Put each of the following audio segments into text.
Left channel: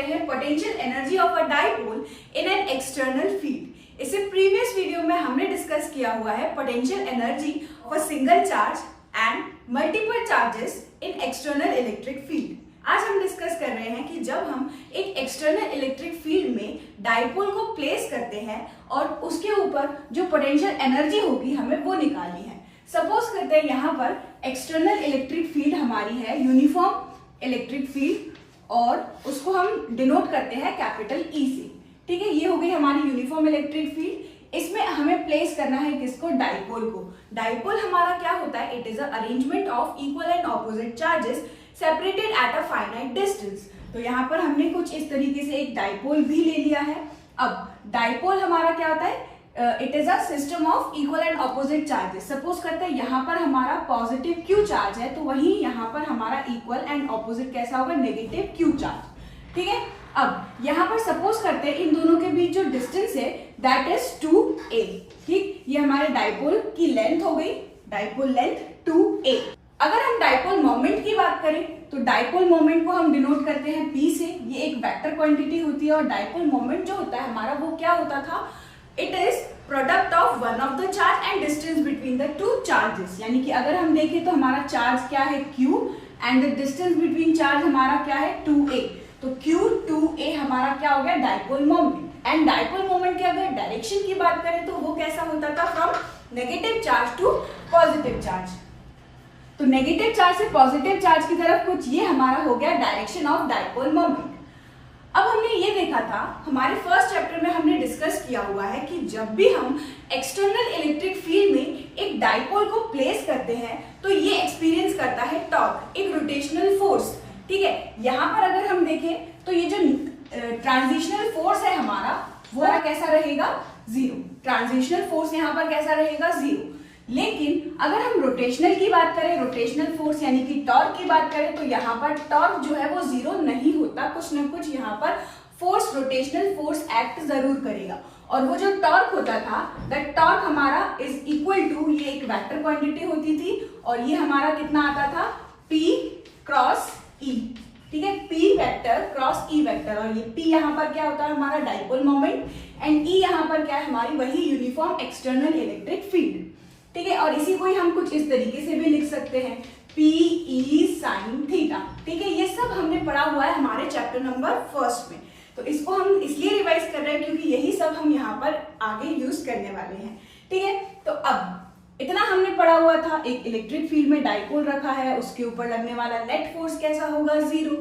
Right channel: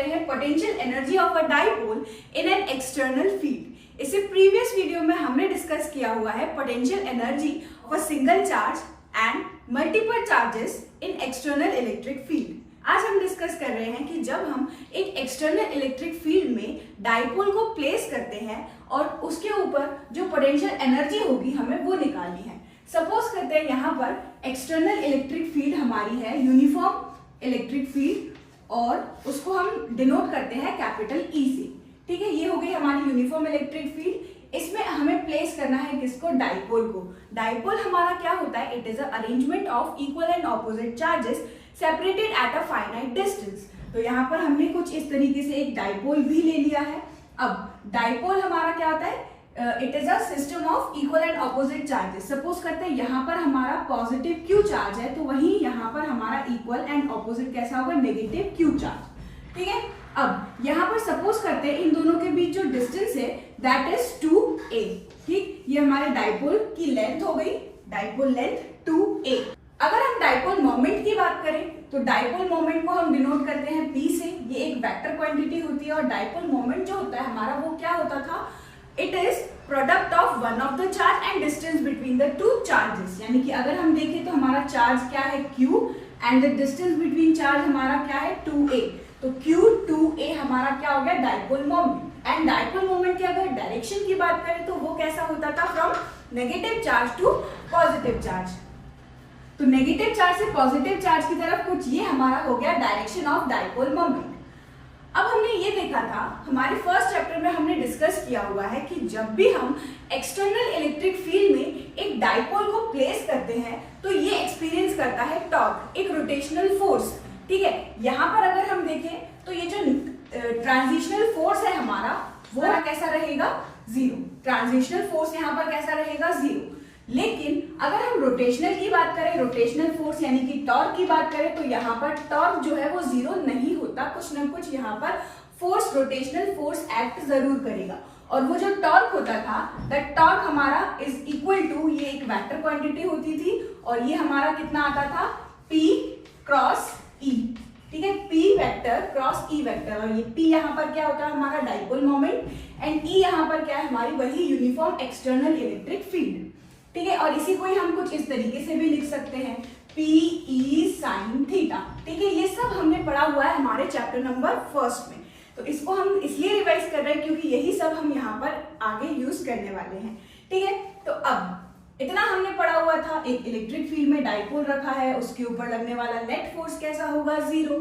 रहे हैं potential energy of a dipole in an external field. इससे प्रीवियस वीडियो में हमने डिस्कस किया हुआ है potential energy of a single charge and multiple charges in external electric field. आज हम डिस्कस कर रहे हैं कि जब हम एक एक्सटर्नल इलेक्ट्रिक फील्ड में डाइपोल को प्लेस करते हैं और उसके ऊपर जो पोटेंशियल एनर्जी होगी हमें वो निकालनी है। सपोज करते हैं यहाँ पर एक्सटर्नल इलेक्ट्रिक फील्ड हमारी है यूनिफॉर्म इलेक्ट्रिक फील्ड और उसको हम डिनोट करते हैं कैपिटल ई से। ठीक है, ये हो गई हमारी यूनिफॉर्म इलेक्ट्रिक फील्ड। इसमें हमें प्लेस करना है किसको? डाइपोल को। डाइपोल हमारा क्या होता है? It is a arrangement of equal and opposite charges separated at a finite distance. तो यहाँ पर हमने कुछ इस तरीके से एक डाइपोल भी ले लिया है। अब डाइपोल हमारा क्या होता है? It is a system of equal and opposite charges. Suppose करते हैं यहाँ पर हमारा पॉजिटिव क्यू चार्ज है तो वहीं यहाँ पर हमारा इक्वल एंड ऑपोजिट कैसा होगा? Negative Q charge. ठीक है, अब यहाँ पर सपोज करते हैं इन दोनों के बीच जो डिस्टेंस है दैट इज 2a। ठीक, ये हमारे डाइपोल की लेंथ हो गई, डाइपोल लेंथ 2a। अगर हम डाइपोल मोमेंट की बात करें तो डाइपोल मोमेंट को हम डिनोट करते हैं p से। ये एक वेक्टर क्वांटिटी होती है और डाइपोल मोमेंट जो होता है हमारा वो क्या होता था? It is product of one of the charge and distance between the two charges. यानी कि अगर हम देखें तो हमारा चार्ज क्या है? q and the distance between charge हमारा क्या है? 2a। तो q 2a हमारा क्या हो गया? Dipole moment. And dipole moment की अगर डायरेक्शन की बात करें तो वो कैसा होता था? From negative charge to positive charge. तो नेगेटिव चार्ज से पॉजिटिव चार्ज की तरफ कुछ ये हमारा हो गया डायरेक्शन ऑफ डाइपोल मोमेंट। अब हमने ये देखा था हमारे फर्स्ट चैप्टर में हमने डिस्कस किया हुआ है कि जब भी हम एक्सटर्नल इलेक्ट्रिक फील्ड में एक डाइपोल को प्लेस करते हैं तो ये एक्सपीरियंस करता है टॉर्क, एक रोटेशनल फोर्स। ठीक है, यहाँ पर अगर हम देखें तो ये जो ट्रांजिशनल फोर्स है हमारा वो कैसा रहेगा? जीरो। ट्रांजिशनल फोर्स यहाँ पर कैसा रहेगा? जीरो। लेकिन अगर हम रोटेशनल की बात करें, रोटेशनल फोर्स यानी कि टॉर्क की बात करें तो यहाँ पर टॉर्क जो है वो जीरो नहीं होता, कुछ ना कुछ यहाँ पर फोर्स, रोटेशनल फोर्स एक्ट जरूर करेगा। और वो जो टॉर्क होता था दैट टॉर्क हमारा इज इक्वल टू, ये एक वेक्टर क्वांटिटी होती थी और ये हमारा कितना आता था? P cross E। ठीक है, P vector cross E vector. और ये P यहाँ पर क्या होता है? हमारा डाइपोल मोमेंट एंड E यहाँ पर क्या है? हमारी वही यूनिफॉर्म एक्सटर्नल इलेक्ट्रिक फील्ड। ठीक है, और इसी को ही हम कुछ इस तरीके से भी लिख सकते हैं PE साइन थीटा। ठीक है, ये सब हमने पढ़ा हुआ है हमारे चैप्टर नंबर फर्स्ट में। तो इसको हम इसलिए रिवाइज कर रहे हैं क्योंकि यही सब हम यहाँ पर आगे यूज करने वाले हैं। ठीक है, तो अब इतना हमने पढ़ा हुआ था। एक इलेक्ट्रिक फील्ड में डाइपोल रखा है, उसके ऊपर लगने वाला नेट फोर्स कैसा होगा? जीरो।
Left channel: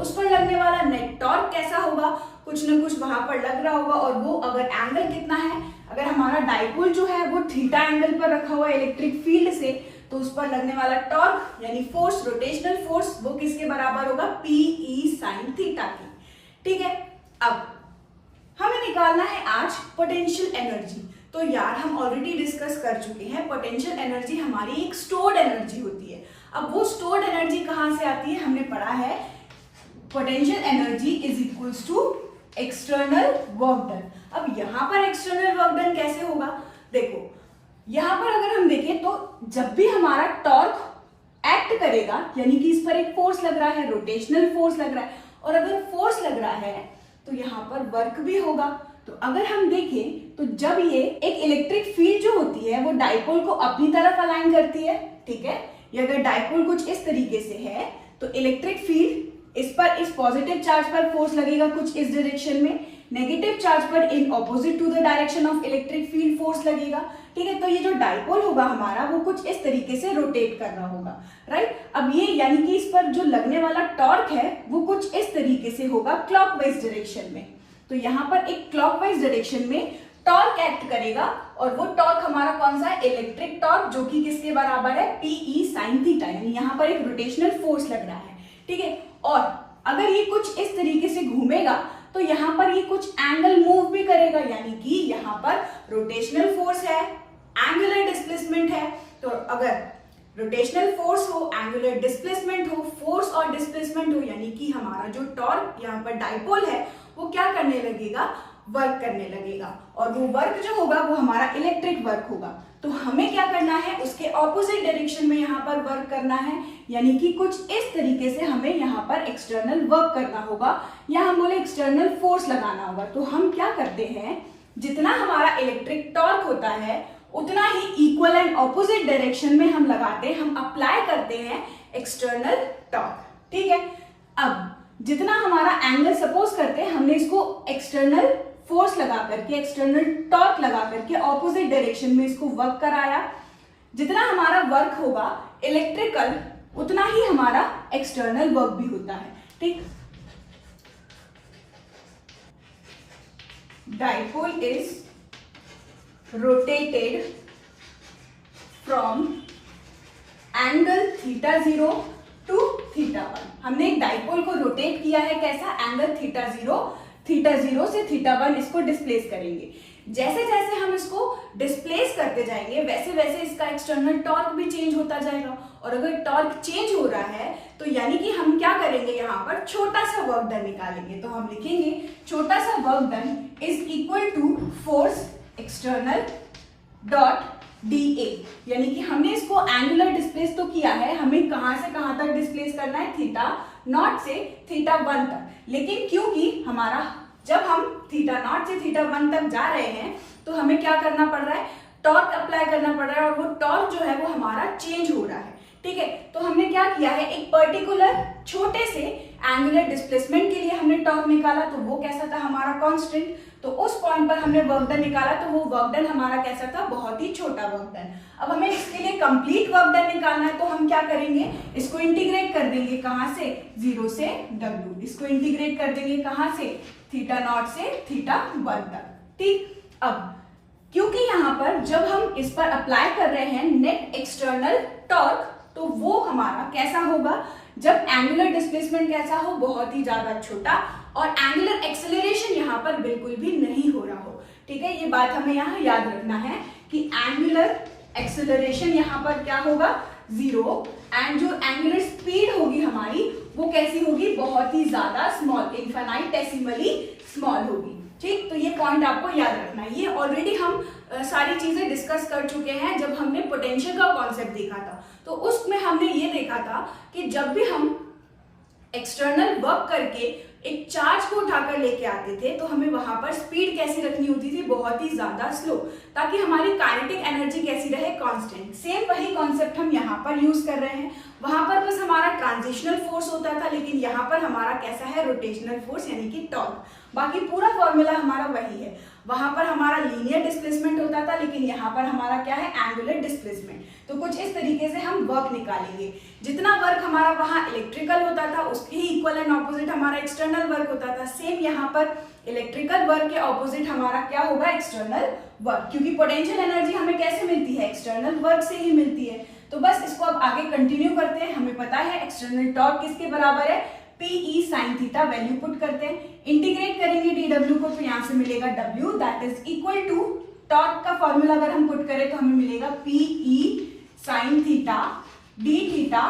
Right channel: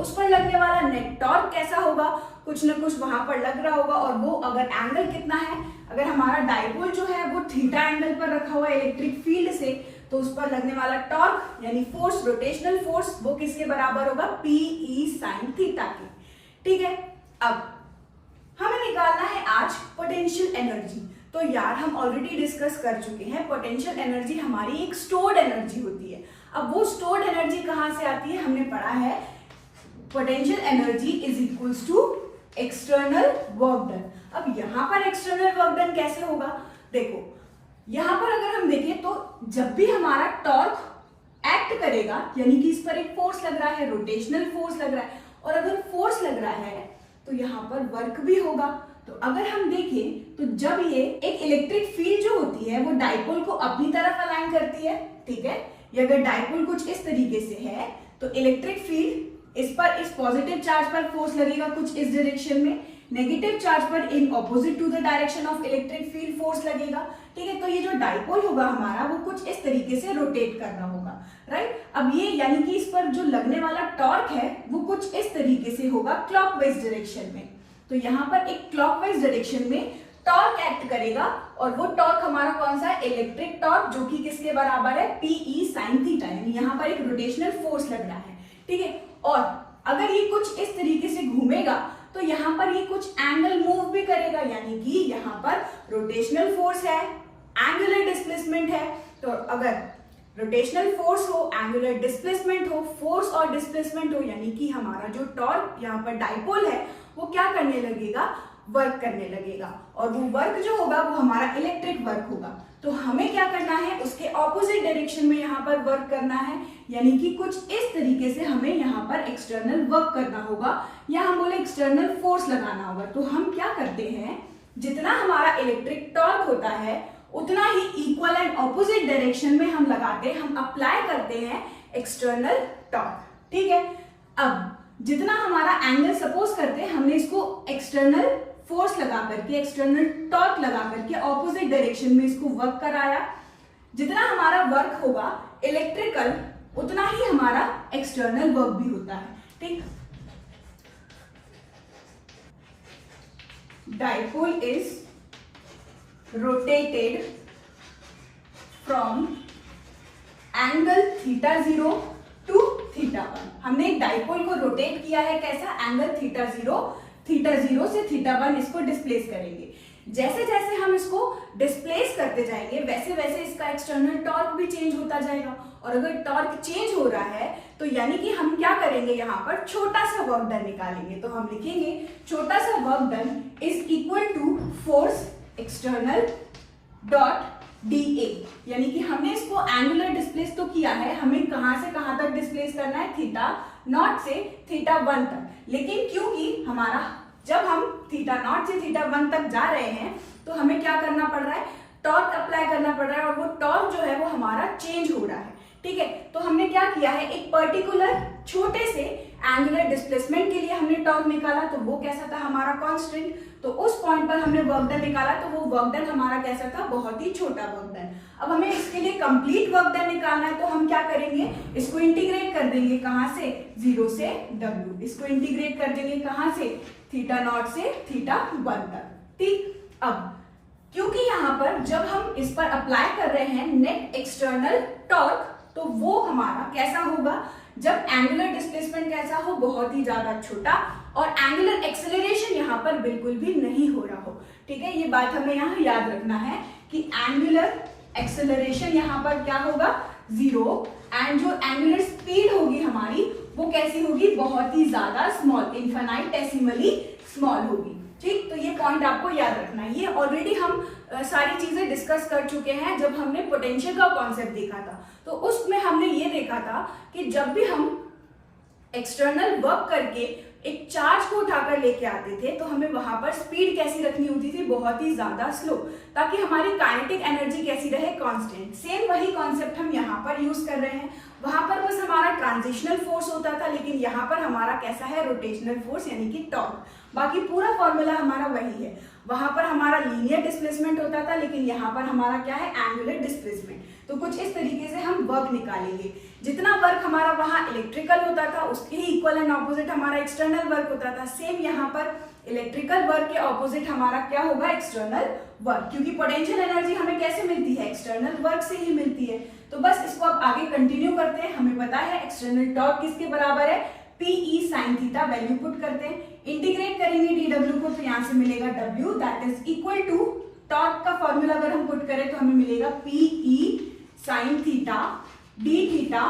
उस पर लगने वाला नेट टॉर्क कैसा होगा? कुछ ना कुछ वहां पर लग रहा होगा। और वो अगर एंगल कितना है, अगर हमारा डाइपोल जो है वो थीटा एंगल पर रखा हुआ है इलेक्ट्रिक फील्ड से, तो उस पर लगने वाला टॉर्क यानी फोर्स, रोटेशनल फोर्स, वो किसके बराबर होगा? PE साइन थीटा की। ठीक है, अब हमें निकालना है आज पोटेंशियल एनर्जी। तो यार हम ऑलरेडी डिस्कस कर चुके हैं पोटेंशियल एनर्जी हमारी एक स्टोर्ड एनर्जी होती है। अब वो स्टोर्ड एनर्जी कहां से आती है? हमने पढ़ा है potential energy is equals to external work done. अब यहाँ पर एक्सटर्नल वर्क डन कैसे होगा? देखो यहाँ पर अगर हम देखें तो जब भी हमारा टॉर्क एक्ट करेगा यानी कि इस पर एक फोर्स लग रहा है, रोटेशनल फोर्स लग रहा है, और अगर फोर्स लग रहा है तो यहाँ पर वर्क भी होगा। तो अगर हम देखें तो जब ये एक इलेक्ट्रिक फील्ड जो होती है वो डाइपोल को अपनी तरफ अलाइन करती है। ठीक है, ये अगर डाइपोल कुछ इस तरीके से है तो इलेक्ट्रिक फील्ड इस पर, इस पॉजिटिव चार्ज पर फोर्स लगेगा कुछ इस डायरेक्शन में, नेगेटिव चार्ज पर in opposite to the direction of electric field force लगेगा। ठीक है, तो ये जो डाइपोल होगा हमारा वो कुछ इस तरीके से रोटेट कर रहा होगा। राइट, अब ये यानी कि इस पर जो लगने वाला टॉर्क है वो कुछ इस तरीके से होगा क्लॉकवाइज डायरेक्शन में। तो यहाँ पर एक क्लॉकवाइज डायरेक्शन में टॉर्क एक्ट करेगा और वो टॉर्क हमारा कौन सा है? इलेक्ट्रिक टॉर्क, जो कि किसके बराबर है? PE sine theta. यानी यहाँ पर एक रोटेशनल फोर्स लग रहा है। ठीक है, और अगर ये कुछ इस तरीके से घूमेगा तो यहाँ पर ये कुछ एंगल मूव भी करेगा, यानी कि यहाँ पर रोटेशनल फोर्स है, एंगुलर डिस्प्लेसमेंट है। तो अगर रोटेशनल फोर्स हो, एंगुलर डिस्प्लेसमेंट हो, फोर्स और डिस्प्लेसमेंट हो, यानी कि हमारा जो टॉर्क यहाँ पर डाइपोल है वो क्या करने लगेगा? वर्क करने लगेगा। और वो वर्क जो होगा वो हमारा इलेक्ट्रिक वर्क होगा। तो हमें क्या करना है? उसके ऑपोजिट डायरेक्शन में यहाँ पर वर्क करना है। यानी कि कुछ इस तरीके से हमें यहाँ पर एक्सटर्नल वर्क करना होगा या हम बोले एक्सटर्नल फोर्स लगाना होगा। तो हम क्या करते हैं, जितना हमारा इलेक्ट्रिक टॉर्क होता है उतना ही इक्वल एंड ऑपोजिट डायरेक्शन में हम लगाते हैं, हम अप्लाई करते हैं एक्सटर्नल टॉर्क। ठीक है, अब जितना हमारा एंगल सपोज करते हैं हमने इसको एक्सटर्नल फोर्स लगा करके, एक्सटर्नल टॉर्क लगा करके ऑपोजिट डायरेक्शन में इसको वर्क कराया, जितना हमारा वर्क होगा इलेक्ट्रिकल उतना ही हमारा एक्सटर्नल वर्क भी होता है। ठीक, dipole is rotated from angle θ0 to θ1। हमने एक डाइपोल को रोटेट किया है, कैसा, एंगल θ0 से θ1 इसको डिस्प्लेस करेंगे। जैसे जैसे हम इसको डिस्प्लेस करते जाएंगे वैसे वैसे इसका एक्सटर्नल टॉर्क भी चेंज होता जाएगा, और अगर टॉर्क चेंज हो रहा है तो यानी कि हम क्या करेंगे, यहाँ पर छोटा सा वर्क डन निकालेंगे। तो हम लिखेंगे छोटा सा work done is equal to force external dot dA, यानी कि हमने इसको एंगुलर डिस्प्लेस तो किया है, हमें कहां से कहां तक डिस्प्लेस करना है, θ0 से θ1 तक। लेकिन क्योंकि हमारा जब हम θ0 से θ1 तक जा रहे हैं तो हमें क्या करना पड़ रहा है, टॉर्क अप्लाई करना पड़ रहा है, और वो टॉर्क जो है वो हमारा चेंज हो रहा है। ठीक है, तो हमने क्या किया है, एक पर्टिकुलर छोटे से एंगुलर डिस्प्लेसमेंट के लिए हमने टॉर्क निकाला, तो वो कैसा था, हमारा कांस्टेंट। तो उस पॉइंट पर हमने वर्क डन निकाला, तो वो वर्क डन हमारा कैसा था, बहुत ही छोटा वर्क डन। अब हमें इसके लिए कंप्लीट वर्क डन निकालना है, तो हम क्या करेंगे, इसको इंटीग्रेट कर देंगे, कहां से, 0 से W। इसको इंटीग्रेट कर देंगे कहां से, θ0 से θ1 तक। ठीक, अब क्योंकि यहाँ पर जब हम इस पर अप्लाई कर रहे हैं नेट एक्सटर्नल टॉर्क, तो वो हमारा कैसा होगा, जब एंगुलर डिस्प्लेसमेंट कैसा हो, बहुत ही ज्यादा छोटा, और एंगुलर एक्सेलरेशन यहाँ पर बिल्कुल भी नहीं हो रहा हो। ठीक है, ये बात हमें यहाँ याद रखना है कि एंगुलर एक्सेलरेशन यहाँ पर क्या होगा, 0, एंड जो एंगुलर स्पीड होगी हमारी वो कैसी होगी, बहुत ही ज्यादा स्मॉल, इनफाइनाइटेसिमली स्मॉल होगी। ठीक, तो ये पॉइंट आपको याद रखना है। ये ऑलरेडी हम सारी चीजें डिस्कस कर चुके हैं जब हमने पोटेंशियल का कॉन्सेप्ट देखा था। तो उसमें हमने ये देखा था कि जब भी हम एक्सटर्नल वर्क करके एक चार्ज को उठाकर लेके आते थे तो हमें वहां पर स्पीड कैसी रखनी होती थी, बहुत ही ज्यादा स्लो, ताकि हमारी काइनेटिक एनर्जी कैसी रहे, कांस्टेंट। सेम वही कॉन्सेप्ट हम यहाँ पर यूज कर रहे हैं। वहां पर बस हमारा ट्रांजिशनल फोर्स होता था, लेकिन यहाँ पर हमारा कैसा है, रोटेशनल फोर्स यानी कि टॉर्क। बाकी पूरा फॉर्मूला हमारा वही है। वहां पर हमारा लीनियर डिस्प्लेसमेंट होता था, लेकिन यहाँ पर हमारा क्या है, एंगुलर डिस्प्लेसमेंट। तो कुछ इस तरीके से हम वर्क निकालेंगे। जितना वर्क हमारा वहां इलेक्ट्रिकल होता था उसके ही इक्वल एंड ऑपोजिट हमारा एक्सटर्नल वर्क होता था। सेम यहाँ पर इलेक्ट्रिकल वर्क के ऑपोजिट हमारा क्या होगा, एक्सटर्नल वर्क, क्योंकि पोटेंशियल एनर्जी हमें कैसे मिलती है, एक्सटर्नल वर्क से ही मिलती है। तो बस इसको अब आगे कंटिन्यू करते हैं। हमें पता है एक्सटर्नल टॉर्क किसके बराबर है, PE sin theta, value put करते हैं, इंटीग्रेट करेंगे dW को, तो यहाँ से मिलेगा W, that is equal to torque का फॉर्मूला अगर हम पुट करें तो हमें मिलेगा PE sin theta d theta,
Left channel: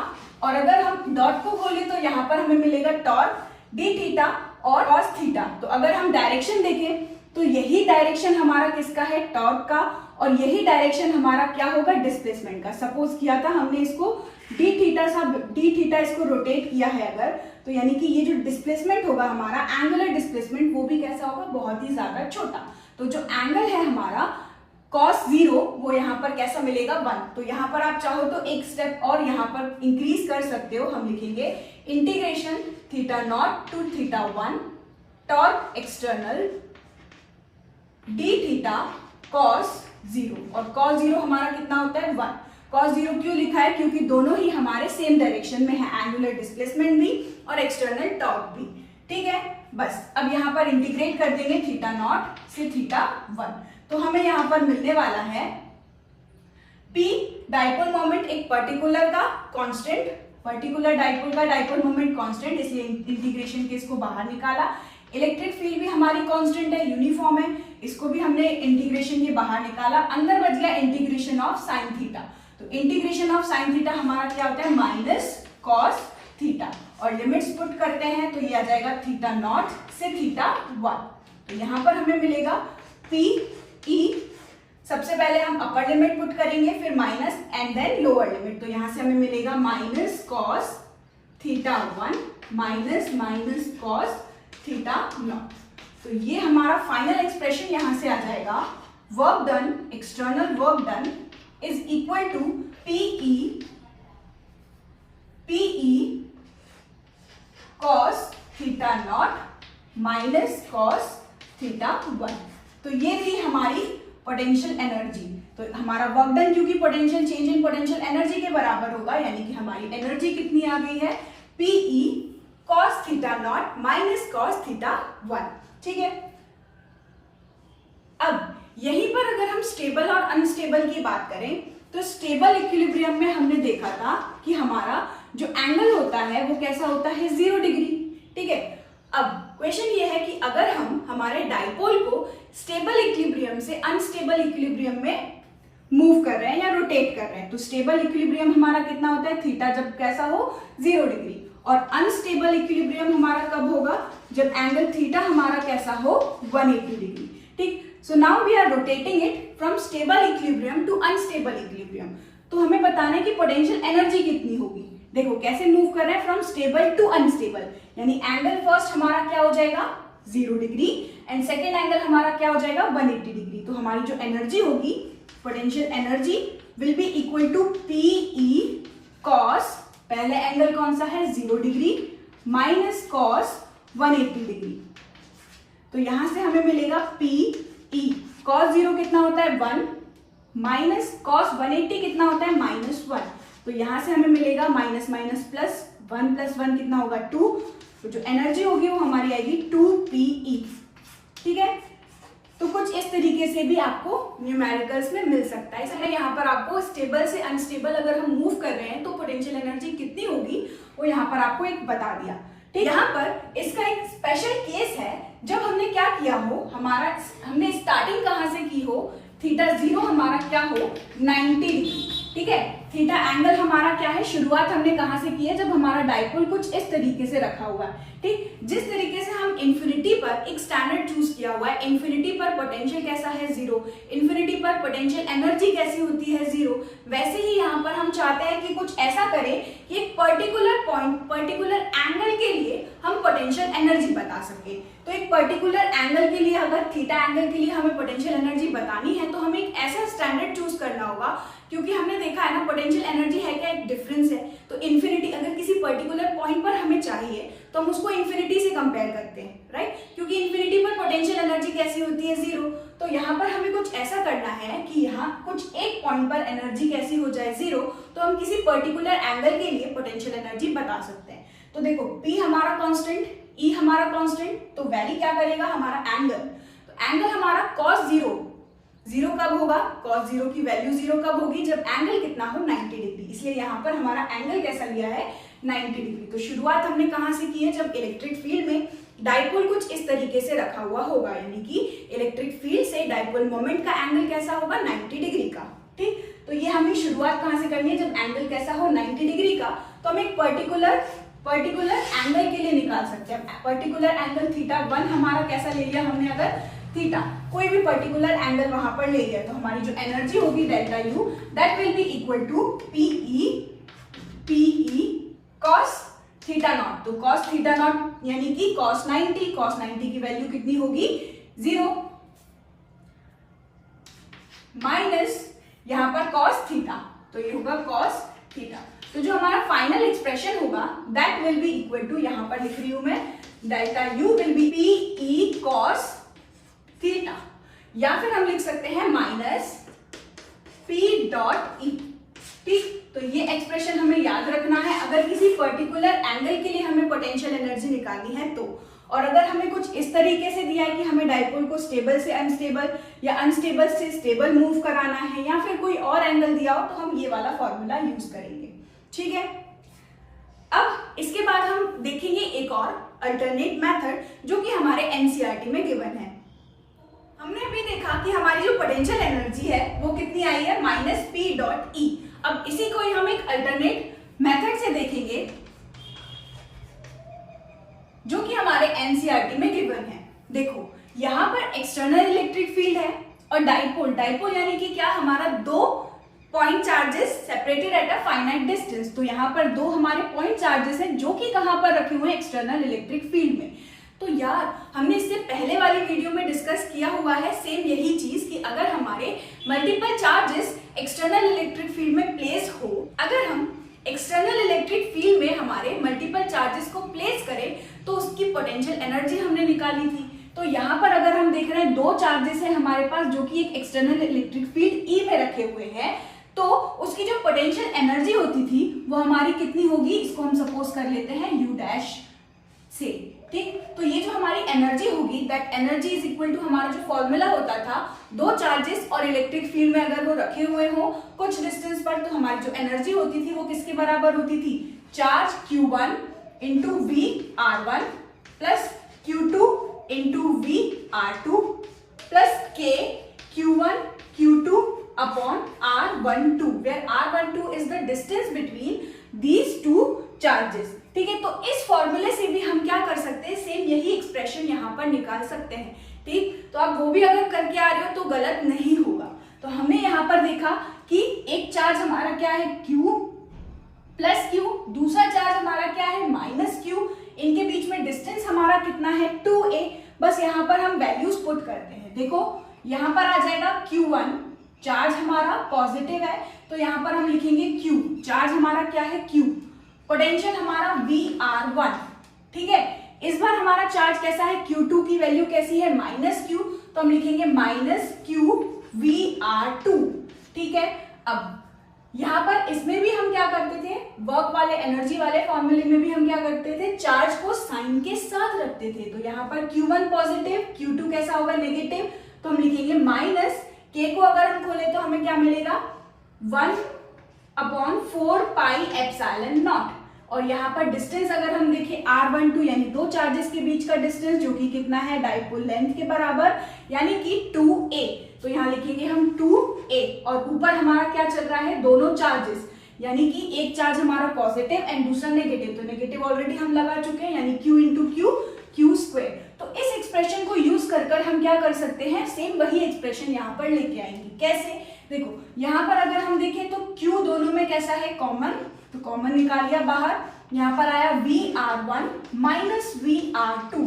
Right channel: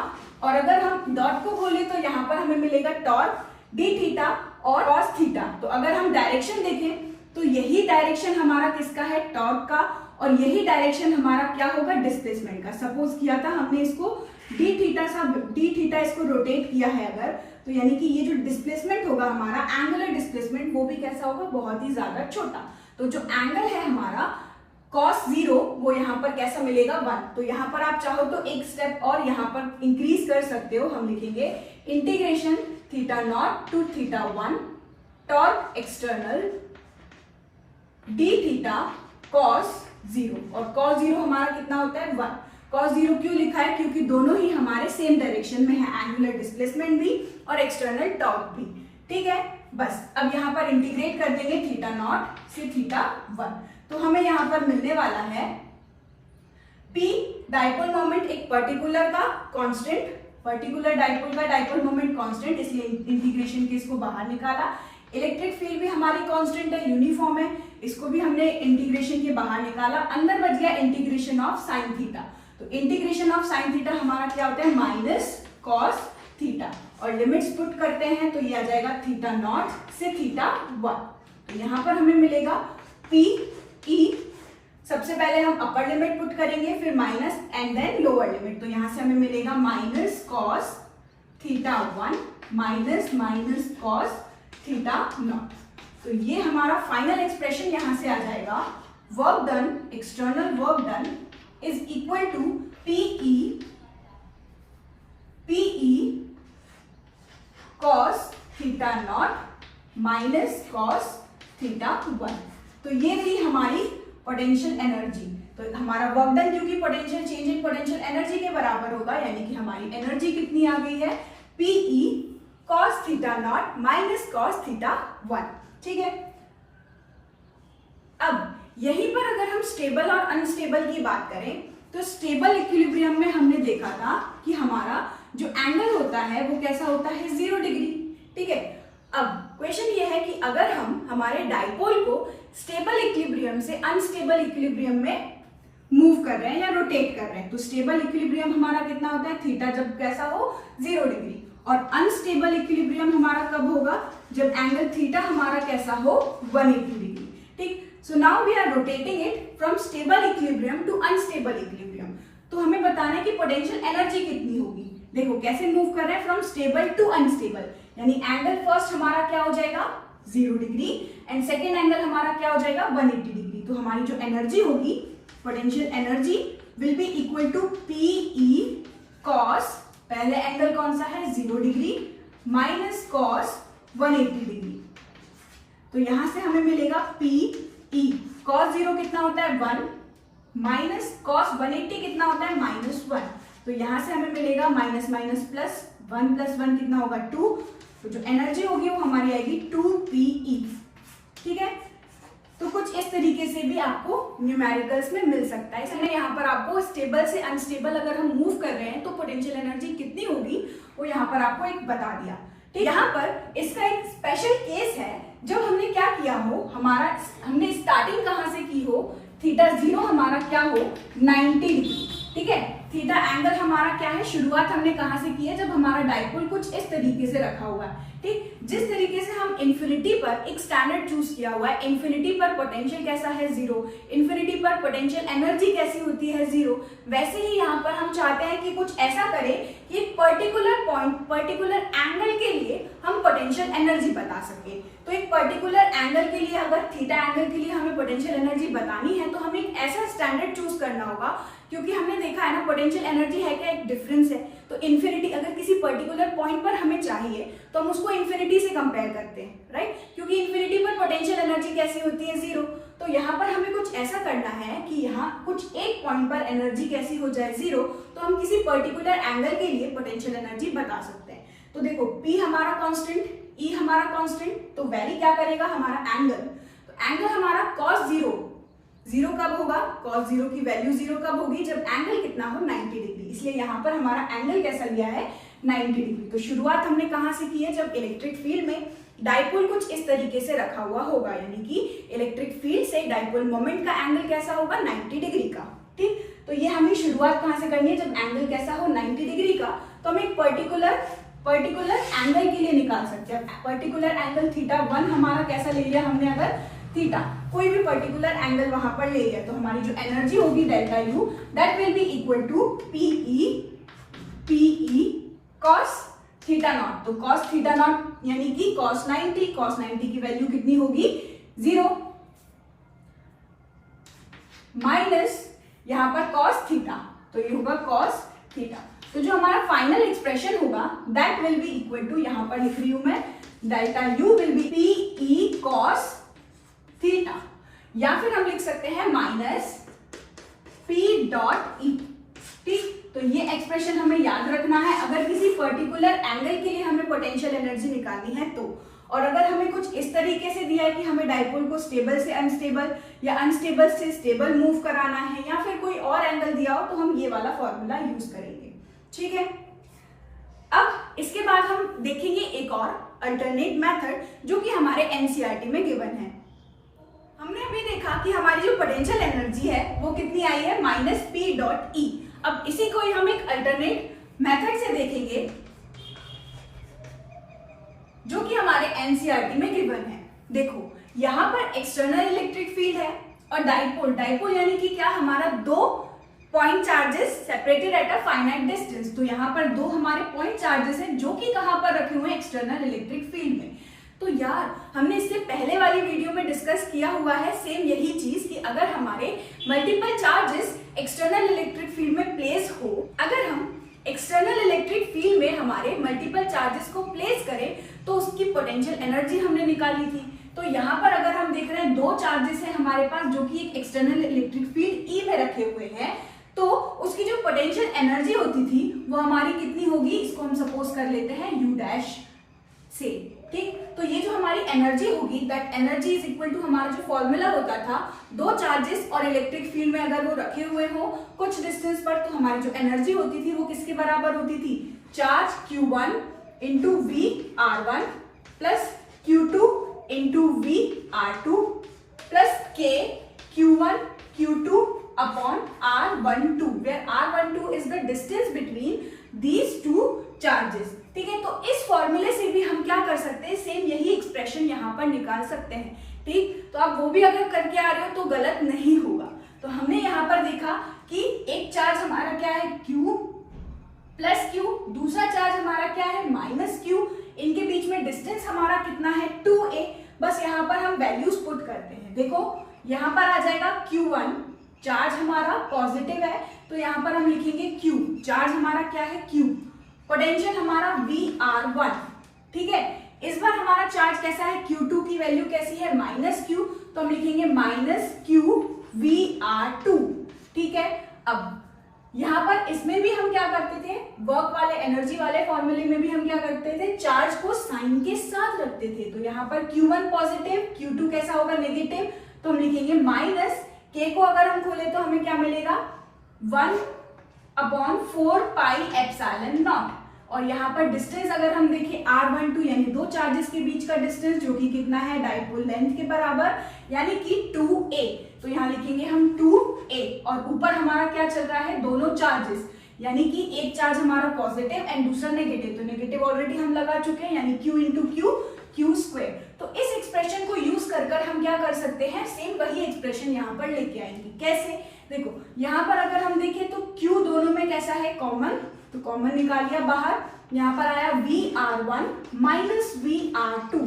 और अगर हम डॉट को खोले तो यहाँ पर हमें मिलेगा टॉर्क d थीटा और cos थीटा। तो अगर हम डायरेक्शन देखें तो यही डायरेक्शन हमारा किसका है, टॉर्क का, और यही डायरेक्शन हमारा क्या होगा, डिस्प्लेसमेंट का। सपोज किया था हमने इसको d थीटा इसको रोटेट किया है अगर, तो यानी कि ये जो डिस्प्लेसमेंट होगा हमारा एंगुलर डिस्प्लेसमेंट, वो भी कैसा होगा, बहुत ही ज्यादा छोटा। तो जो एंगल है हमारा cos 0 वो यहाँ पर कैसा मिलेगा, 1। तो यहाँ पर आप चाहो तो एक स्टेप और यहाँ पर इंक्रीज कर सकते हो। हम लिखेंगे integration θ0 to θ1 torque external d theta cos 0, और cos 0 हमारा कितना होता है, 1। cos 0 क्यों लिखा है, क्योंकि दोनों ही हमारे सेम डायरेक्शन में है, एंगुलर डिस्प्लेसमेंट भी और एक्सटर्नल टॉर्क भी। ठीक है, बस अब यहाँ पर इंटीग्रेट कर देंगे θ0 से θ1, तो हमें यहाँ पर मिलने वाला है P डाइपोल मोमेंट, एक पर्टिकुलर का कांस्टेंट, पर्टिकुलर डाइपोल का डाइपोल मोमेंट कांस्टेंट, इसलिए इंटीग्रेशन के इसको बाहर निकाला। इलेक्ट्रिक फील्ड भी हमारी कांस्टेंट है, यूनिफॉर्म है, इसको भी हमने इंटीग्रेशन के बाहर निकाला। अंदर बच गया इंटीग्रेशन ऑफ साइन थीटा, तो इंटीग्रेशन ऑफ साइन थीटा हमारा क्या होता है, माइनस कॉस थीटा, और लिमिट्स पुट करते हैं तो ये आ जाएगा θ0 से θ1। तो यहाँ पर हमें मिलेगा PE सबसे पहले हम अपर लिमिट पुट करेंगे, फिर minus and then lower limit. तो यहां से हमें मिलेगा minus cos theta 1 minus minus cos theta naught. तो ये हमारा फाइनल एक्सप्रेशन यहां से आ जाएगा, work done, external work done is equal to PE cos theta naught minus cos theta 1। तो ये थी हमारी पोटेंशियल एनर्जी। तो हमारा वर्क डन क्योंकि potential change in potential energy के बराबर होगा, यानी कि हमारी एनर्जी कितनी आ गई है, PE cos theta naught minus cos theta 1। ठीक है, अब यहीं पर अगर हम स्टेबल और अनस्टेबल की बात करें तो स्टेबल इक्विलिब्रियम में हमने देखा था कि हमारा जो एंगल होता है वो कैसा होता है, 0 डिग्री। ठीक है, अब क्वेश्चन ये है कि अगर हम हमारे डाइपोल को स्टेबल इक्विलिब्रियम से अनस्टेबल इक्विलिब्रियम में मूव कर रहे हैं या रोटेट कर रहे हैं, तो स्टेबल इक्विलिब्रियम हमारा कितना होता है, थीटा जब कैसा हो, 0 डिग्री, और अनस्टेबल इक्विलिब्रियम हमारा कब होगा, जब एंगल थीटा हमारा कैसा हो, 180 डिग्री। ठीक, so now we are rotating it from stable equilibrium to unstable equilibrium. तो हमें बताना है कि पोटेंशियल एनर्जी कितनी होगी। देखो कैसे मूव कर रहे हैं, फ्रॉम स्टेबल टू अनस्टेबल, यानी एंगल फर्स्ट हमारा क्या हो जाएगा, 0 डिग्री, एंड सेकेंड एंगल हमारा क्या हो जाएगा, 180 डिग्री। तो हमारी जो एनर्जी होगी, potential energy will be equal to PE cos, पहले एंगल कौन सा है, 0 डिग्री, माइनस कॉस 180 डिग्री। तो यहां से हमें मिलेगा पीई कॉस 0 कितना होता है, 1, माइनस कॉस 180 कितना होता है, -1। तो यहां से हमें मिलेगा माइनस माइनस प्लस 1 कितना होगा, 2। तो जो एनर्जी होगी वो हमारी आएगी 2PE। ठीक है, तो कुछ इस तरीके से भी आपको न्यूमेरिकल्स में मिल सकता है। इसलिए यहाँ पर आपको स्टेबल से अनस्टेबल अगर हम मूव कर रहे हैं तो पोटेंशियल एनर्जी कितनी होगी वो यहाँ पर आपको एक बता दिया। ठीक, यहाँ पर इसका एक स्पेशल केस है, जब हमने क्या किया हो, हमने स्टार्टिंग कहाँ से की हो, थीटा 0 हमारा क्या हो, 90 डिग्री। ठीक है, थीटा एंगल हमारा क्या है, शुरुआत हमने कहां से की है, जब हमारा डाइपोल कुछ इस तरीके से रखा हुआ है। ठीक, जिस तरीके से हम इंफिनिटी पर एक स्टैंडर्ड चूज किया हुआ है, इंफिनिटी पर पोटेंशियल कैसा है, 0, इंफिनिटी पर पोटेंशियल एनर्जी कैसी होती है, 0, वैसे ही यहाँ पर हम चाहते हैं कि कुछ ऐसा करें कि एक पर्टिकुलर पॉइंट, पर्टिकुलर एंगल के लिए हम पोटेंशियल एनर्जी बता सके। तो एक पर्टिकुलर एंगल के लिए, अगर थीटा एंगल के लिए हमें पोटेंशियल एनर्जी बतानी है तो हमें एक ऐसा स्टैंडर्ड चूज करना होगा, क्योंकि हमने देखा है ना पोटेंशियल एनर्जी है क्या, एक डिफरेंस है। तो इन्फिनिटी अगर किसी पर्टिकुलर पॉइंट पर हमें चाहिए तो हम उसको इन्फिनिटी से कंपेयर करते हैं, राइट, क्योंकि इन्फिनिटी पर पोटेंशियल एनर्जी कैसी होती है, 0। तो यहाँ पर हमें कुछ ऐसा करना है कि यहाँ कुछ एक पॉइंट पर एनर्जी कैसी हो जाए, 0, तो हम किसी पर्टिकुलर एंगल के लिए पोटेंशियल एनर्जी बता सकते हैं। तो देखो P हमारा कांस्टेंट, E हमारा कांस्टेंट, तो वैल्यू क्या करेगा हमारा एंगल। तो एंगल हमारा cos 0 कब होगा, cos 0 की वैल्यू 0 कब होगी, जब एंगल कितना हो, 90 डिग्री। इसलिए यहाँ पर हमारा एंगल कैसा लिया है, 90 डिग्री। तो शुरुआत हमने कहाँ से की है, जब इलेक्ट्रिक फील्ड में डाइपोल कुछ इस तरीके से रखा हुआ होगा, यानी कि इलेक्ट्रिक फील्ड से डाइपोल मोमेंट का एंगल कैसा होगा, 90 डिग्री का। ठीक, तो ये हमें शुरुआत कहाँ से करनी है, जब एंगल कैसा हो, 90 डिग्री का। तो हम एक पर्टिकुलर एंगल के लिए निकाल सकते हैं। पर्टिकुलर एंगल थीटा 1 हमारा कैसा ले लिया हमने, अगर थीटा कोई भी पर्टिकुलर एंगल वहां पर ले लिया तो हमारी जो एनर्जी होगी delta U, that will be equal to PE cos theta naught. तो कॉस थीटा नॉट यानी कि कॉस 90 की वैल्यू कितनी होगी, 0, माइनस यहाँ पर कॉस थीटा, तो ये होगा कॉस थीटा। तो जो हमारा फाइनल एक्सप्रेशन होगा that will be equal to, यहां पर लिख रही हूं मैं, delta U will be PE cos theta, या फिर हम लिख सकते हैं माइनस पी डॉट ई। ठीक, तो ये एक्सप्रेशन हमें याद रखना है अगर किसी पर्टिकुलर एंगल के लिए हमें पोटेंशियल एनर्जी निकालनी है तो। और अगर हमें कुछ इस तरीके से दिया है कि हमें डाइपोल को स्टेबल से अनस्टेबल या अनस्टेबल से स्टेबल मूव कराना है, या फिर कोई और एंगल दिया हो, तो हम ये वाला फॉर्मूला यूज करेंगे। ठीक है, अब इसके बाद हम देखेंगे एक और अल्टरनेट मेथड जो कि हमारे एनसीईआरटी में गिवन है। हमने अभी देखा कि हमारी जो पोटेंशियल एनर्जी है वो कितनी आई है, माइनस पी डॉट ई। अब इसी को ही हम एक अल्टरनेट मेथड से देखेंगे जो कि हमारे एनसीईआरटी में गिवन है। देखो यहाँ पर एक्सटर्नल इलेक्ट्रिक फील्ड है और डाइपोल, डाइपोल यानी कि क्या, हमारा दो point charges separated at a finite distance. तो यहाँ पर दो हमारे पॉइंट चार्जेस हैं जो कि कहाँ पर रखे हुए हैं, एक्सटर्नल इलेक्ट्रिक फील्ड में। तो यार हमने इससे पहले वाली वीडियो में डिस्कस किया हुआ है सेम यही चीज कि अगर हमारे multiple charges external electric field में प्लेस हो, अगर हम एक्सटर्नल इलेक्ट्रिक फील्ड में हमारे मल्टीपल चार्जेस को प्लेस करें तो उसकी पोटेंशियल एनर्जी हमने निकाली थी। तो यहाँ पर अगर हम देख रहे हैं दो चार्जेस है हमारे पास जो कि एक एक्सटर्नल इलेक्ट्रिक फील्ड ई में रखे हुए हैं, तो उसकी जो पोटेंशियल एनर्जी होती थी वो हमारी कितनी होगी, इसको हम सपोज कर लेते हैं यू डैश से, ठीक। तो ये जो हमारी एनर्जी होगी, that energy is equal to, हमारा जो फॉर्मूला होता था, दो चार्जेस और इलेक्ट्रिक फील्ड में अगर वो रखे हुए हो कुछ डिस्टेंस पर, तो हमारी जो एनर्जी होती थी वो किसके बराबर होती थी, charge Q1 into V R1 plus Q2 into V R2 plus K Q1 Q2 upon R12, where R12 is the distance between these two charges, ठीक है। तो इस फॉर्मूले से भी हम क्या कर सकते हैं, सेम यही एक्सप्रेशन यहाँ पर निकाल सकते हैं, ठीक। तो आप वो भी अगर करके आ रहे हो तो गलत नहीं होगा। तो हमने यहाँ पर देखा कि एक चार्ज हमारा क्या है Q प्लस Q, दूसरा चार्ज हमारा क्या है माइनस Q, इनके बीच में डिस्टेंस हमारा कितना है 2a। बस यहाँ पर हम वैल्यूज पुट करते हैं। देखो यहाँ पर आ जाएगा Q1, चार्ज हमारा पॉजिटिव है तो यहाँ पर हम लिखेंगे Q, चार्ज हमारा क्या है Q, पोटेंशियल हमारा VR1, ठीक है। इस बार हमारा चार्ज कैसा है, Q2 की वैल्यू कैसी है माइनस Q, तो हम लिखेंगे माइनस Q VR2, ठीक है। अब यहाँ पर इसमें भी हम क्या करते थे, वर्क वाले एनर्जी वाले फॉर्मूले में भी हम क्या करते थे, चार्ज को साइन के साथ रखते थे। तो यहाँ पर Q1 पॉजिटिव, Q2 कैसा होगा नेगेटिव, तो हम लिखेंगे माइनस K को अगर हम खोले तो हमें क्या मिलेगा 1/4 पाई एप्सिलॉन नॉट। और यहाँ पर डिस्टेंस अगर हम देखें R12 यानी दो चार्जेस के बीच का डिस्टेंस जो कि कितना है डाइपोल लेंथ के बराबर यानी कि 2a। तो यहाँ लिखेंगे हम 2a और ऊपर हमारा क्या चल रहा है, दोनों चार्जेस, यानी कि एक चार्ज हमारा पॉजिटिव एंड दूसरा नेगेटिव। तो नेगेटिव ऑलरेडी हम लगा चुके हैं यानी Q इंटू Q स्क्वायर। तो इस एक्सप्रेशन को यूज कर हम क्या कर सकते हैं, सेम वही एक्सप्रेशन यहाँ पर लेके आएंगे। कैसे, देखो यहाँ पर अगर हम देखें तो Q दोनों में कैसा है कॉमन, तो कॉमन निकाल लिया बाहर, यहाँ पर आया VR1 माइनस VR2,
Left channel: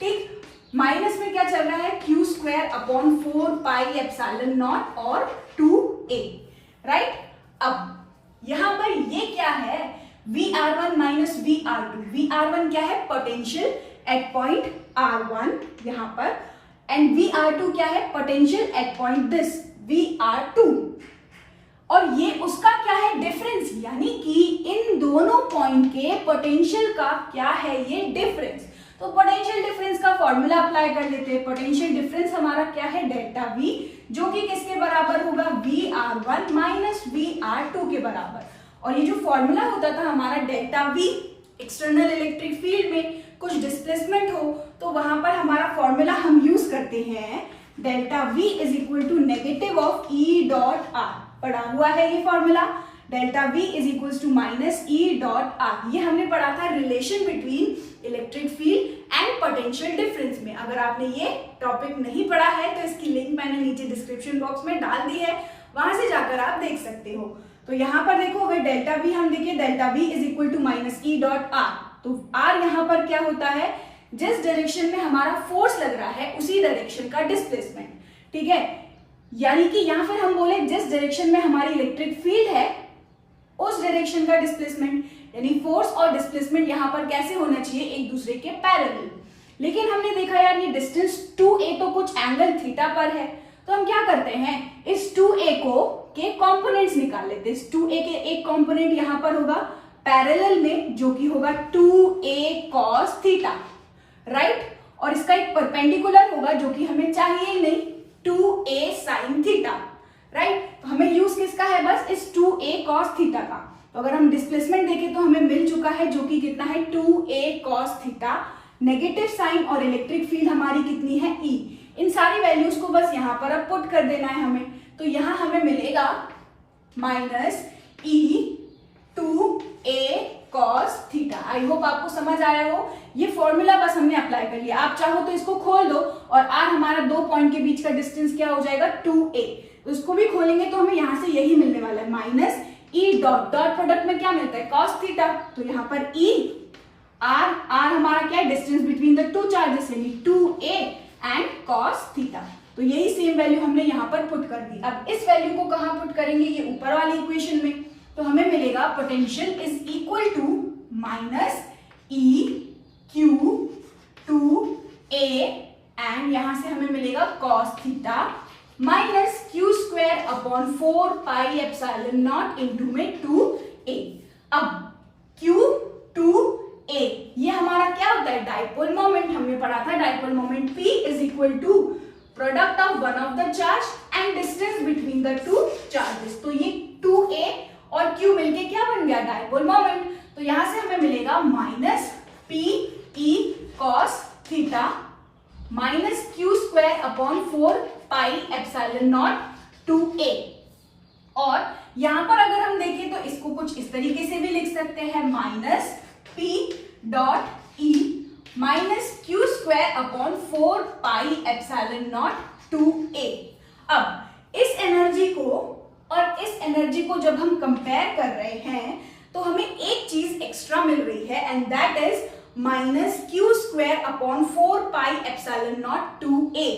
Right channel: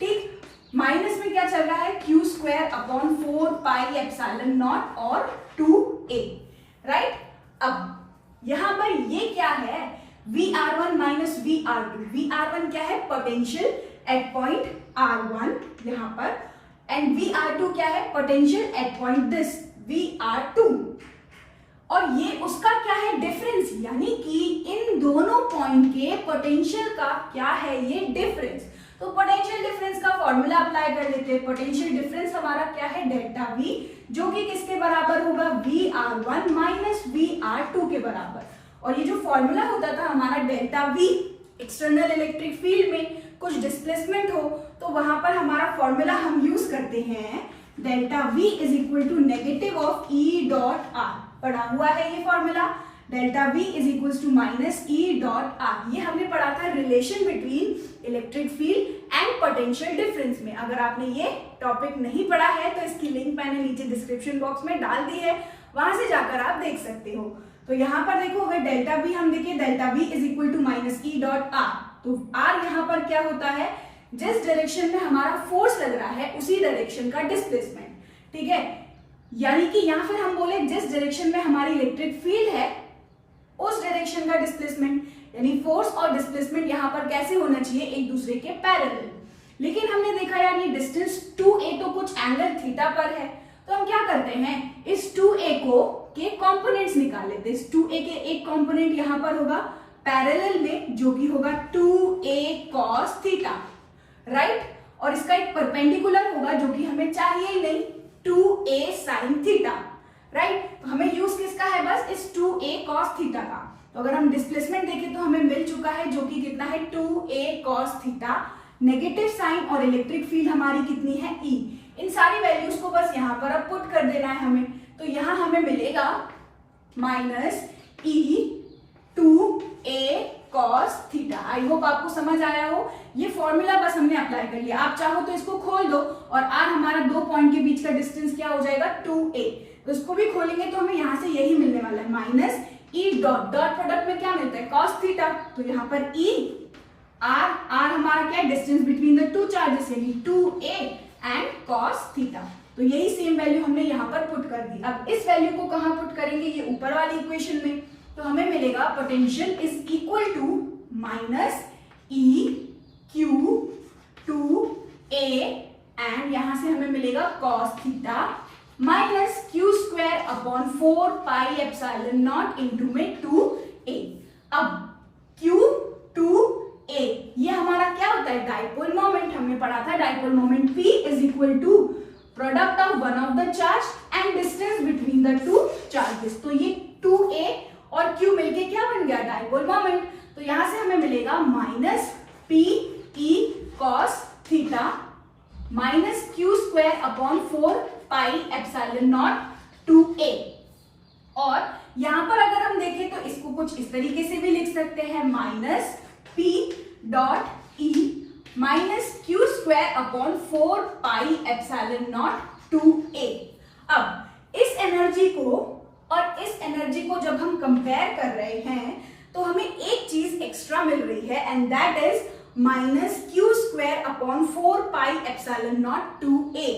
ठीक। माइनस में क्या चल रहा है Q square upon 4 pi epsilon not और 2a, राइट। अब यहाँ पर ये क्या है VR1 माइनस VR2, VR1 क्या है पोटेंशियल एट पॉइंट R1 यहाँ पर, एंड VR2 क्या है potential at point this VR2, और ये उसका क्या है डिफरेंस, यानी कि इन दोनों पॉइंट के पोटेंशियल का क्या है ये डिफरेंस। तो पोटेंशियल डिफरेंस का फॉर्मूला अप्लाई कर लेते हैं। पोटेंशियल डिफरेंस हमारा क्या है डेल्टा V, जो कि किसके बराबर होगा VR1 माइनस VR2 के बराबर। और ये जो फॉर्मूला होता था हमारा delta V, external electric field में कुछ डिस्प्लेसमेंट हो तो वहां पर हमारा फॉर्मूला हम यूज करते हैं delta V is equal to negative of E dot R। पढ़ा हुआ है ये formula, delta V is equal to minus E dot R। ये हमने पढ़ा था relation between electric field and potential difference में। अगर आपने ये टॉपिक नहीं पढ़ा है तो इसकी लिंक मैंने नीचे डिस्क्रिप्शन बॉक्स में डाल दी है, वहां से जाकर आप देख सकते हो। तो यहाँ पर देखो अगर डेल्टा V हम देखिए, delta V is equal to minus E dot R, तो R यहाँ पर क्या होता है, जिस डायरेक्शन में हमारा फोर्स लग रहा है उसी डायरेक्शन का डिस्प्लेसमेंट, ठीक है। यानी कि यहाँ फिर हम बोले जिस डायरेक्शन में हमारी इलेक्ट्रिक फील्ड है उस डायरेक्शन का डिस्प्लेसमेंट, यानी फोर्स और डिस्प्लेसमेंट यहाँ पर कैसे होना चाहिए, एक दूसरे के पैरेलल। लेकिन हमने देखा यार ये डिस्टेंस 2a तो कुछ एंगल थीटा पर है, तो हम क्या करते हैं इस 2a को के कंपोनेंट्स निकाल लेते हैं। इस 2a के एक कंपोनेंट यहाँ पर होगा पैरेलल में जो कि होगा 2a cos थीटा, राइट। और इसका एक परपेंडिकुलर होगा जो कि हमें चाहिए ही नहीं, 2a sin थीटा, राइट। तो हमें यूज किसका है, बस इस 2a cos थीटा का। तो अगर हम डिस्प्लेसमेंट देखें तो हमें मिल चुका है जो कि कितना है 2a cos theta, negative sign और इलेक्ट्रिक फील्ड हमारी कितनी है E। इन सारी वैल्यूज को बस यहाँ पर अब पुट कर देना है हमें। तो यहाँ हमें मिलेगा minus E 2a cos theta. I hope आपको समझ आया हो। ये फॉर्मूला बस हमने अप्लाई कर लिया। आप चाहो तो इसको खोल दो और r हमारा दो पॉइंट के बीच का डिस्टेंस क्या हो जाएगा 2a। तो इसको भी खोलेंगे तो हमें यहाँ से यही मिलने वाला है minus e dot dot product में क्या मिलता है cos थीटा। तो यहाँ पर e r हमारा क्या है distance between the two charges यानी 2a एंड cos थीटा। तो यही सेम वैल्यू हमने यहाँ पर पुट कर दी। अब इस वैल्यू को कहाँ पुट करेंगे, ये ऊपर वाली इक्वेशन में। तो हमें मिलेगा potential is equal to minus E Q two a and यहां से हमें मिलेगा cos theta minus Q square upon 4 pi epsilon naught into में 2a। अब Q 2a ये हमारा क्या होता है डाइपोल मोमेंट। हमने पढ़ा था dipole moment P is equal to product of one of the charge and distance between the two charges. तो ये 2a और Q मिलके क्या बन गया डाइपोल मोमेंट। तो यहां से हमें मिलेगा minus P E cos theta minus Q square upon 4 pi epsilon not 2a। और यहां पर अगर हम देखें तो इसको कुछ इस तरीके से भी लिख सकते हैं minus P dot E minus Q square upon 4 pi epsilon not 2a। अब इस एनर्जी को और इस एनर्जी को जब हम कंपेयर कर रहे हैं तो हमें एक चीज एक्स्ट्रा मिल रही है and that is minus Q square upon 4 pi epsilon not 2a।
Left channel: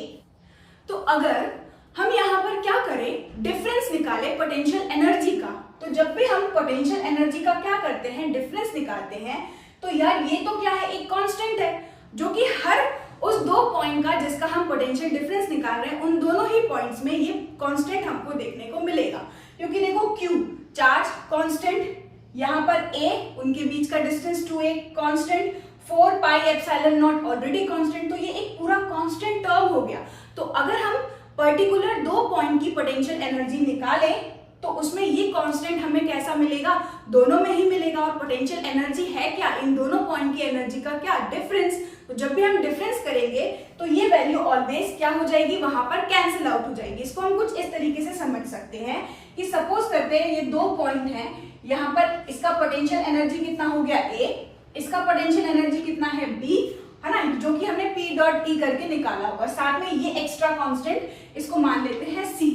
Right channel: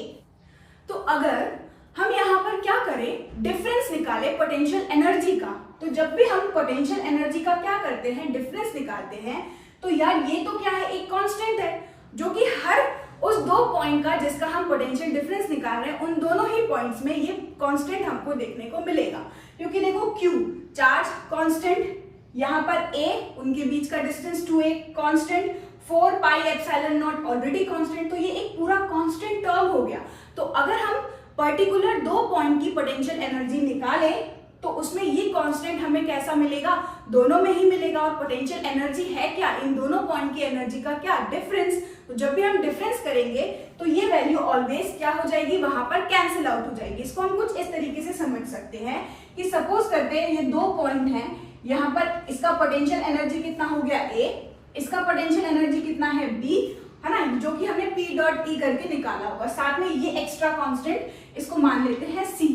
तो अगर हम यहाँ पर क्या करें डिफरेंस निकाले पोटेंशियल एनर्जी का। तो जब भी हम पोटेंशियल एनर्जी का क्या करते हैं डिफरेंस निकालते हैं तो यार ये तो क्या है एक कांस्टेंट है जो कि हर उस दो पॉइंट का जिसका हम पोटेंशियल डिफरेंस निकाल रहे हैं उन दोनों ही पॉइंट्स में ये कांस्टेंट हमको देखने को मिलेगा। क्योंकि देखो Q चार्ज कांस्टेंट, यहाँ पर A उनके बीच का distance 2a constant, 4 pi epsilon not already constant. तो ये एक पूरा कांस्टेंट टर्म हो गया। तो अगर हम पर्टिकुलर दो पॉइंट की पोटेंशियल एनर्जी निकालें तो उसमें ये कांस्टेंट हमें कैसा मिलेगा दोनों में ही मिलेगा। और पोटेंशियल एनर्जी है क्या इन दोनों पॉइंट की एनर्जी का क्या डिफरेंस। तो जब भी हम डिफरेंस करेंगे तो ये वैल्यू ऑलवेज क्या हो जाएगी वहां पर कैंसिल आउट हो जाएगी। इसको हम कुछ इस तरीके से समझ सकते हैं कि सपोज करते हैं ये दो पॉइंट हैं, यहाँ पर इसका पोटेंशियल एनर्जी कितना हो गया A, इसका पोटेंशियल एनर्जी कितना है B, है ना, जो कि हमने P डॉट E करके निकाला होगा। साथ में ये एक्स्ट्रा कांस्टेंट इसको मान लेते हैं C,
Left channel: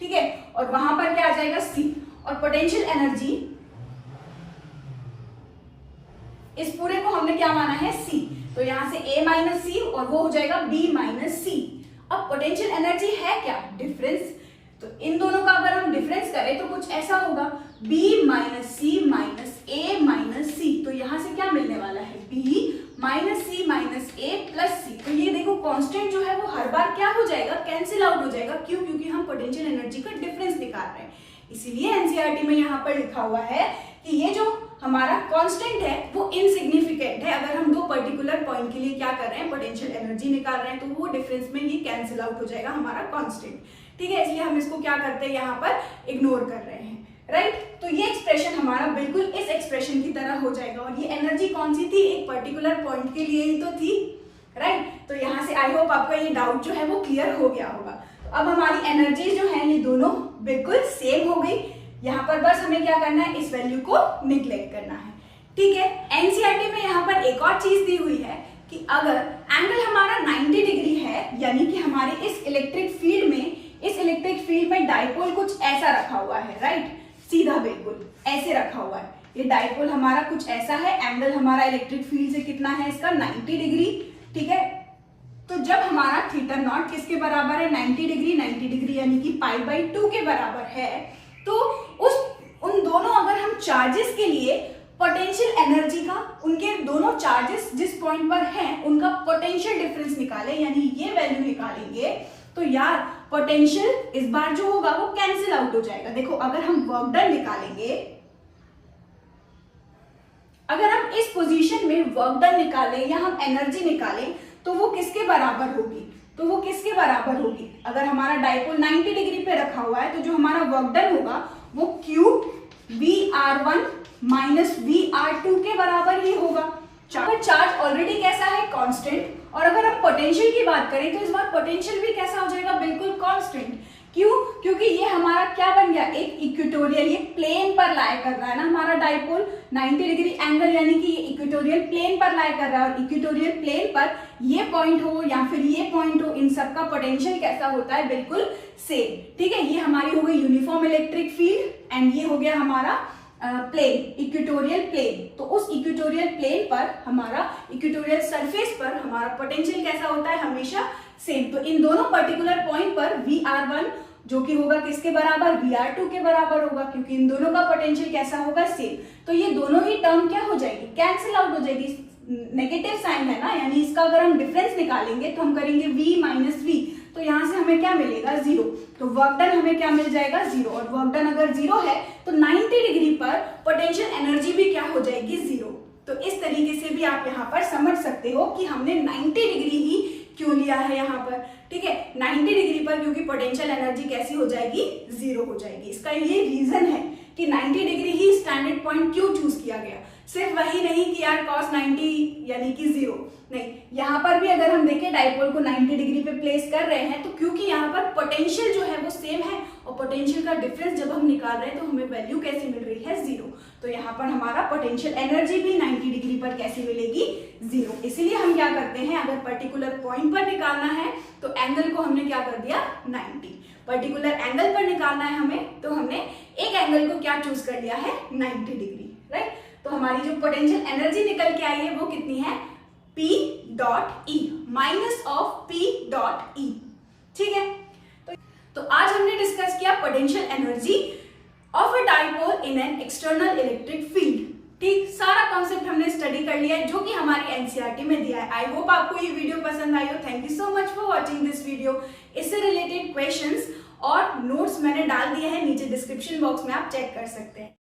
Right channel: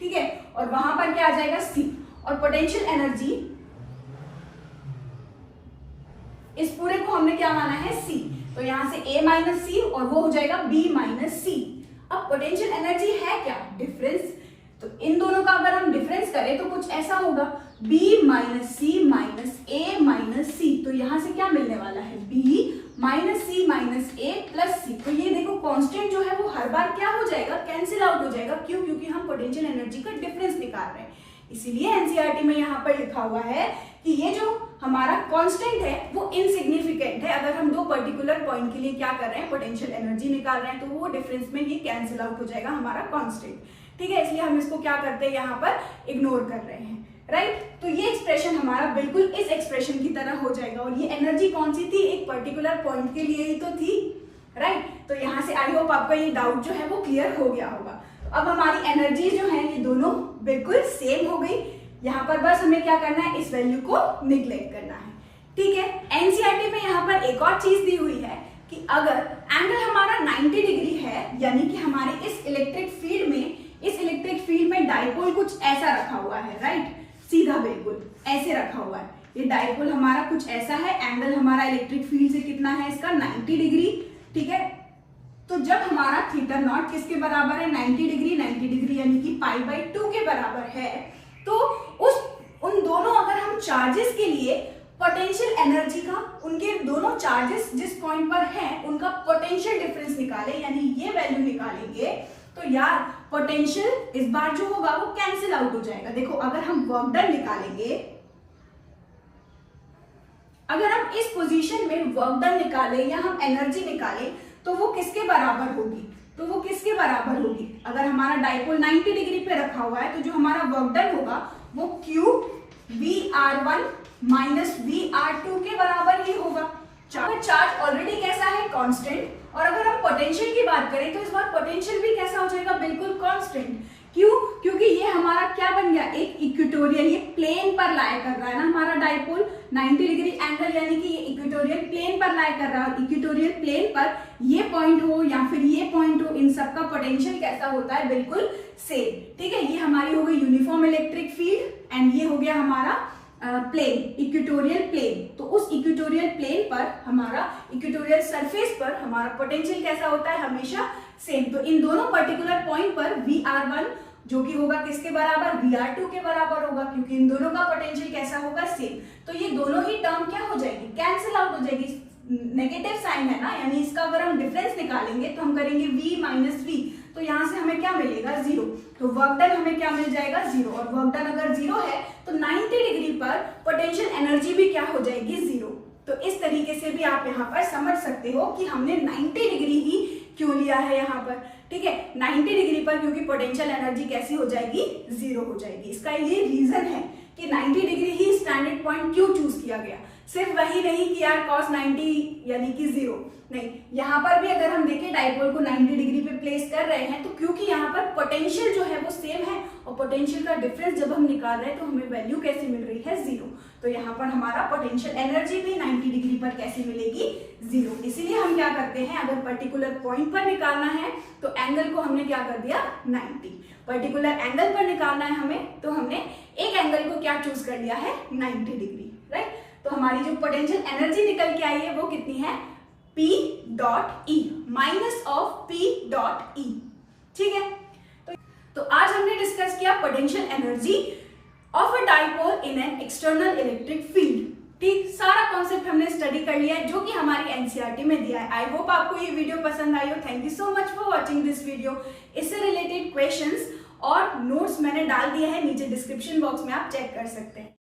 ठीक है। और वहां पर क्या आ जाएगा C। और पोटेंशियल एनर्जी इस पूरे को हमने क्या माना है C। तो यहां से A माइनस C और वो हो जाएगा B माइनस C। अब पोटेंशियल एनर्जी है क्या डिफरेंस। तो इन दोनों का अगर हम डिफरेंस करें तो कुछ ऐसा होगा B minus C minus A minus C। तो यहां से क्या मिलने वाला है B minus C minus A plus C। तो ये देखो कांस्टेंट जो है वो हर बार क्या हो जाएगा कैंसिल आउट हो जाएगा। क्यों, क्योंकि हम पोटेंशियल एनर्जी का डिफरेंस निकाल रहे हैं। इसीलिए एनसीईआरटी में यहाँ पर लिखा हुआ है कि ये जो हमारा कांस्टेंट है वो इनसिग्निफिकेंट है। अगर हम दो पर्टिकुलर पॉइंट के लिए क्या कर रहे हैं पोटेंशियल एनर्जी निकाल रहे हैं तो वो डिफरेंस में ये कैंसिल आउट हो जाएगा हमारा कांस्टेंट, ठीक है। इसलिए हम इसको क्या करते हैं यहाँ पर इग्नोर कर रहे हैं, राइट। तो ये एक्सप्रेशन हमारा बिल्कुल इस एक्सप्रेशन की तरह हो जाएगा। और ये एनर्जी कौन सी थी एक पर्टिकुलर पॉइंट के लिए ही तो थी, राइट। तो यहाँ से आई होप आपका ये डाउट जो है वो क्लियर हो गया होगा। तो अब हमारी एनर्जी जो है ये दोनों बिल्कुल सेम हो गई। यहाँ पर बस हमें क्या करना है इस वैल्यू को निग्लेक्ट करना है, ठीक है। एनसीईआरटी में यहाँ पर एक और चीज दी हुई है कि अगर एंगल हमारा 90 डिग्री है यानी कि हमारे इस इलेक्ट्रिक फील्ड में डाइपोल कुछ ऐसा रखा हुआ है, राइट, सीधा बिल्कुल ऐसे रखा हुआ है। ये डाइपोल हमारा कुछ ऐसा है, एंगल हमारा इलेक्ट्रिक फील्ड से कितना है इसका 90 डिग्री, ठीक है। तो जब हमारा थीटा नॉट किसके बराबर है 90 डिग्री यानी कि पाई बाई 2 के बराबर है तो उन दोनों अगर हम चार्जेस के लिए पोटेंशियल एनर्जी का उनके दोनों चार्जेस जिस पॉइंट पर हैं उनका पोटेंशियल डिफरेंस निकाले यानी ये वैल्यू निकालेंगे तो यार पोटेंशियल इस बार जो होगा वो कैंसिल आउट हो जाएगा। देखो अगर हम वर्क डन निकालेंगे, अगर हम इस पोजीशन में वर्क डन निकालें या हम एनर्जी निकालें तो वो किसके बराबर होगी, तो वो किसके बराबर होगी। अगर हमारा डाइपोल 90 डिग्री पे रखा हुआ है तो जो हमारा वर्क डन होगा वो Q VR1 माइनस VR2 के बराबर ही होगा। चार्ज ऑलरेडी कैसा है कांस्टेंट। और अगर हम पोटेंशियल की बात करें तो इस बार पोटेंशियल भी कैसा हो जाएगा बिल्कुल कांस्टेंट, क्यों? क्योंकि ये हमारा क्या बन गया, एक इक्वेटोरियल, ये प्लेन पर लाई कर रहा है ना हमारा डाइपोल 90 डिग्री एंगल, यानी कि ये इक्वेटोरियल प्लेन पर लाई कर रहा है। और इक्वेटोरियल प्लेन पर ये पॉइंट हो या फिर ये पॉइंट हो, इन सबका पोटेंशियल कैसा होता है, बिल्कुल सेम। ठीक है, ये हमारी हो गई यूनिफॉर्म इलेक्ट्रिक फील्ड एंड ये हो गया हमारा प्लेन, इक्वेटोरियल प्लेन। तो उस इक्वेटोरियल प्लेन पर हमारा, इक्वेटोरियल सरफेस पर हमारा पोटेंशियल कैसा होता है, हमेशा सेम। तो इन दोनों पर्टिकुलर पॉइंट पर Vr1 जो कि होगा किसके बराबर, Vr2 के बराबर होगा, क्योंकि इन दोनों का पोटेंशियल कैसा होगा, सेम। तो ये दोनों ही टर्म क्या हो जाएगी, कैंसिल आउट हो जाएगी, नेगेटिव साइन है ना, यानी इसका अगर हम डिफरेंस निकालेंगे तो हम करेंगे V माइनस V, तो यहाँ से हमें क्या मिलेगा, 0। तो वर्क डन हमें क्या मिल जाएगा, 0। और वर्क डन अगर 0 है तो 90 डिग्री पर पोटेंशियल एनर्जी भी क्या हो जाएगी, 0। तो इस तरीके से भी आप यहाँ पर समझ सकते हो कि हमने 90 डिग्री ही क्यों लिया है यहाँ पर। ठीक है, 90 डिग्री पर क्योंकि पोटेंशियल एनर्जी कैसी हो जाएगी, 0 हो जाएगी। इसका ये रीजन है कि 90 डिग्री ही स्टैंडर्ड पॉइंट क्यों चूज किया गया। सिर्फ वही नहीं कि यार cos 90 यानी कि 0 नहीं, यहाँ पर भी अगर हम देखें डाइपोल को 90 डिग्री पे प्लेस कर रहे हैं तो क्योंकि यहाँ पर पोटेंशियल जो है वो सेम है, और पोटेंशियल का डिफरेंस जब हम निकाल रहे हैं तो हमें वैल्यू कैसे मिल रही है, 0। तो यहाँ पर हमारा पोटेंशियल एनर्जी भी 90 डिग्री पर कैसे मिलेगी, 0। इसीलिए हम क्या करते हैं, अगर पर्टिकुलर पॉइंट पर निकालना है तो एंगल को हमने क्या कर दिया, 90। पर्टिकुलर एंगल पर निकालना है हमें तो हमने एक एंगल को क्या चूज कर लिया है, 90 डिग्री, राइट। तो हमारी जो पोटेंशियल एनर्जी निकल के आई है वो कितनी है, P dot E minus of P dot E। ठीक है, तो आज हमने डिस्कस किया potential energy of a dipole in an external electric field. ठीक, सारा कॉन्सेप्ट हमने स्टडी कर लिया है जो कि हमारी एनसीईआरटी में दिया है। आई होप आपको ये वीडियो पसंद आई हो। Thank you so much for watching this video. इससे रिलेटेड क्वेश्चंस और नोट्स मैंने डाल दिए हैं नीचे डिस्क्रिप्शन बॉक्स में, आप चेक कर सकते हैं।